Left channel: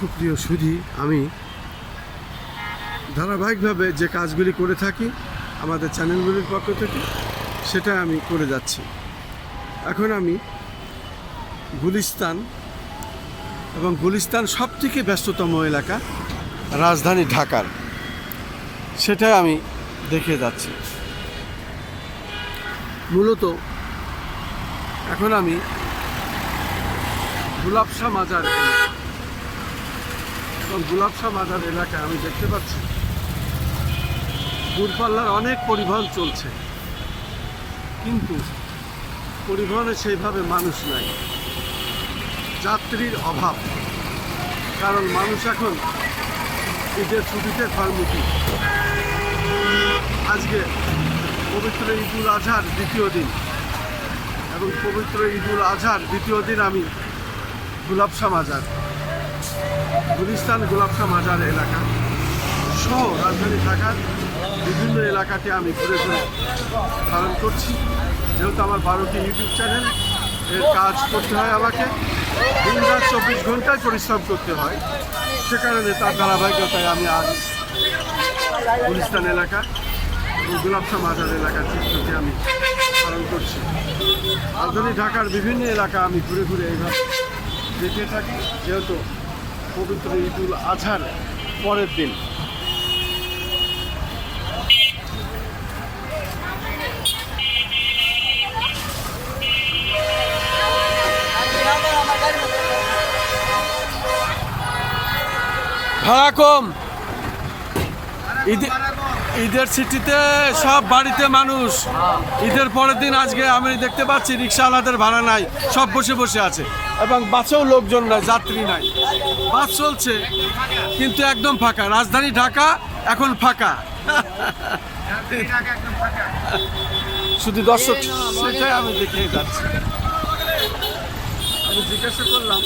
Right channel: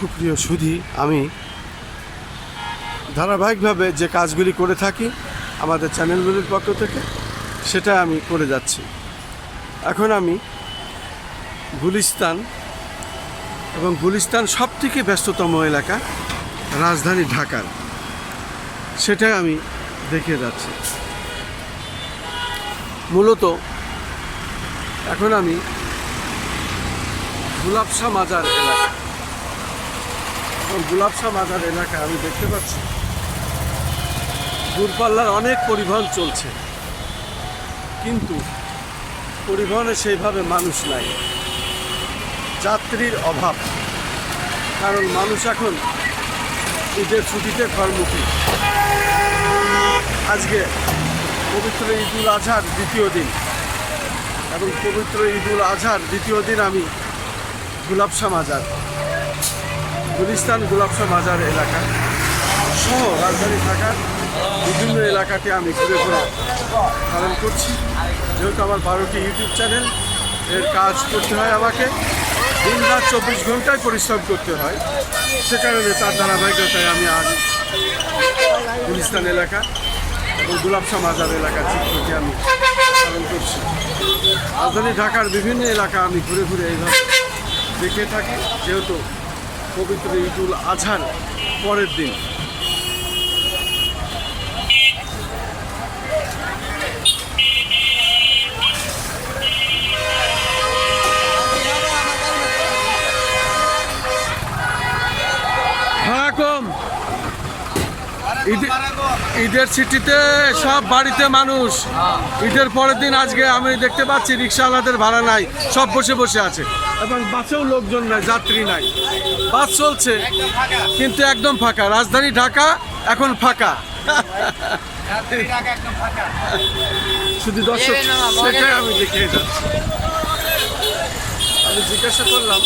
সুপ্রিয় সুধী, আমি ধারাবাহিকভাবে যে কাজগুলি করে থাকি আমাদের চ্যানেলগুলির পক্ষ থেকে সেটা আমি করে যাচ্ছি। এখন আমি গুলিস্তান এবং গুলিস্তান সবথেকে ব্যস্ততম এলাকা রাজধানী ঢাকার, সেটা আমি দেখে যাচ্ছি। মূলত এখন আমি গুলাবশাহ মাজার এলাকা, এবং গুলাবশাহ মাজার এলাকায় আমি দেখতে পাচ্ছি দূরপাল্লার অনেক পরিবহন চলছে, কিন্তু পরিবহনে সেইভাবে মানুষ নাই, যাত্রীর অভাব। কারণ মানুষ এখন ঈদের ছুটিতে ঘরমুখী। আজকে পবিত্র ঈদুল আজহার দ্বিতীয় দিন, এবং পবিত্র ঈদুল আজহার দ্বিতীয় দিন আমি গুলাবশাহ মাজার, গুলিস্তান গুলাবশাহ মাজার এলাকা সহ রাজধানী ঢাকার বিভিন্ন এলাকাতে আমি ঘুরে ঘুরে ধারণ করছি। যেহেতু আমার 12টি ইউটিউব চ্যানেল, এর কাজ করতে হয়, আমাকে দিন রাত 24 ঘন্টায় পরিশ্রম করতে হয়। সে কারণে তার ধারাবাহিকতায় আমি আজ গুলিস্তান এলাকা এবং গুলাবশাহ মাজার এলাকার চিত্রটি আমি ধারণ করছি। রাজধানী ঢাকার বিভিন্ন এলাকা আমি ঘুরে ঘুরে এইভাবে দেখে থাকি, যেহেতু পবিত্র ঈদুল আজহার পরের দিন। ভাড়া কম, ঈদের ছুটিতে সব বাড়িতে মানুষ। ঈদের পরের দিন আজকে আমি দেখতে পাচ্ছি রিক্সাওয়ালাদের ভাড়া নাই, সব বসে বসে আছে, এবং বাসেও লোকজন নাই, যাত্রী নাই। বাস চলছে কিন্তু একদম ফাঁকা। রাজধানী ঢাকা এখন ফাঁকা, শুধু দর্শক, সেটাই আমি দেখে যাচ্ছি। আমি জিজ্ঞাসা করলাম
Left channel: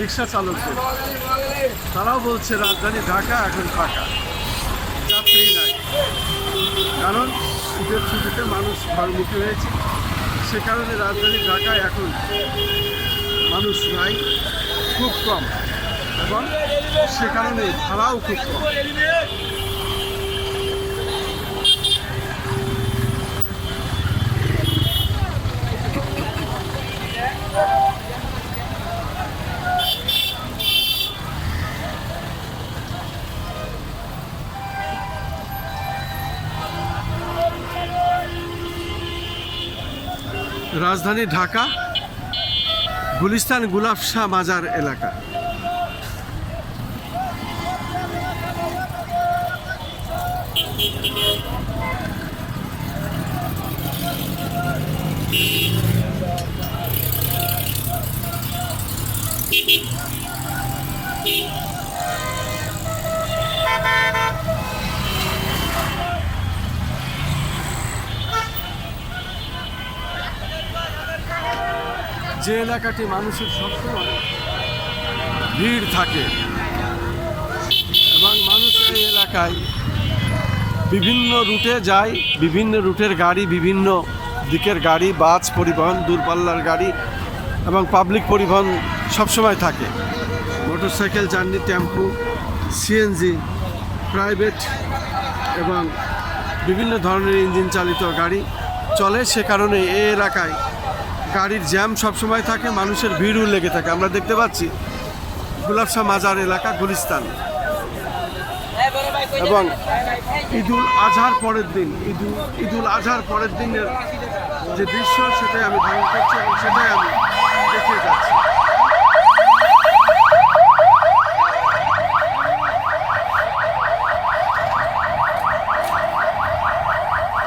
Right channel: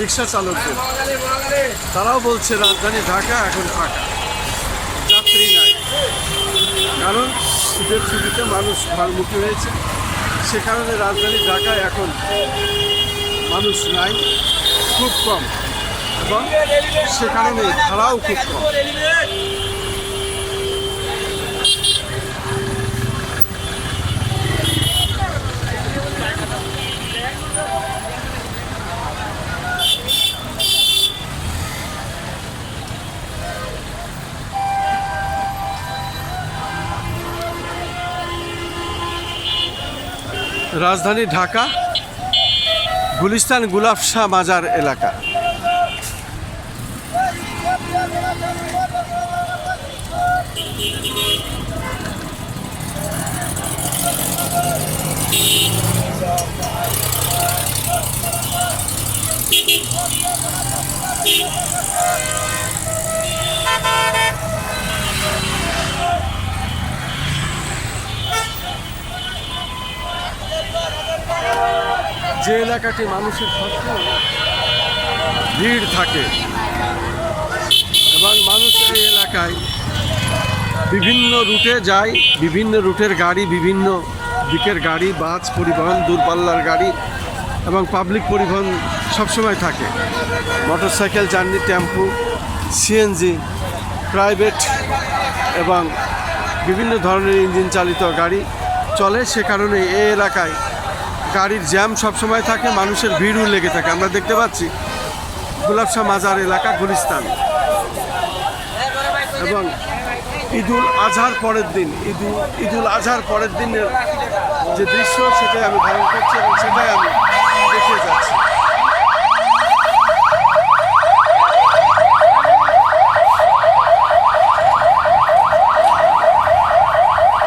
রিক্সা চালকদের, তারাও বলছে রাজধানী ঢাকা এখন ফাঁকা, যাত্রী নাই। কারণ ঈদের ছুটিতে মানুষ ঘরমুখী হয়েছে, সে কারণে রাজধানী ঢাকায় এখন মানুষ নাই, খুব কম, এবং সে কারণে ভাড়াও খুব কম। রাজধানী ঢাকা গুলিস্তান গুলাবশাহ মাজার এলাকা। যে এলাকাটি মানুষের সবসময় ভিড় থাকে, এবং মানুষ এই এলাকায় বিভিন্ন রুটে যায়, বিভিন্ন রুটের গাড়ি, বিভিন্ন দিকের গাড়ি, বাস পরিবহন, দূরপাল্লার গাড়ি এবং পাবলিক পরিবহন সবসময় থাকে। মোটরসাইকেল, জার্নি, টেম্পু, সিএনজি, প্রাইভেট এবং বিভিন্ন ধরনের ইঞ্জিন চালিত গাড়ি চলে। সে কারণে এই এলাকায় গাড়ির জ্যাম সবসময় থাকে, মানুষের ভিড়ও লেগে থাকে। আমরা দেখতে পাচ্ছি গুলাবশাহ মাজার এলাকা গুলিস্তান, এবং ঈদুল আজহার পরের দিন, ঈদুল আজহার পরের দিনের যে দৃশ্য, সেটাই আমি ধারণ করছি এবং সেটাই আমি দেখে যাচ্ছি।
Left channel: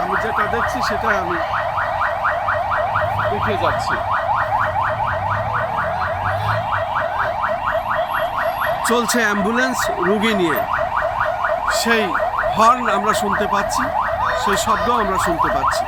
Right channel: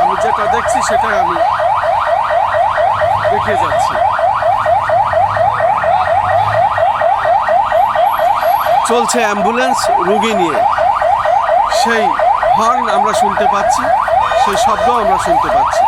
আমি যেটা দেখছি সেটাই আমি দেখে যাচ্ছি। চলছে অ্যাম্বুলেন্স রোগী নিয়ে, সেই হর্ন আমরা শুনতে পাচ্ছি, সেই শব্দ আমরা শুনতে পাচ্ছি।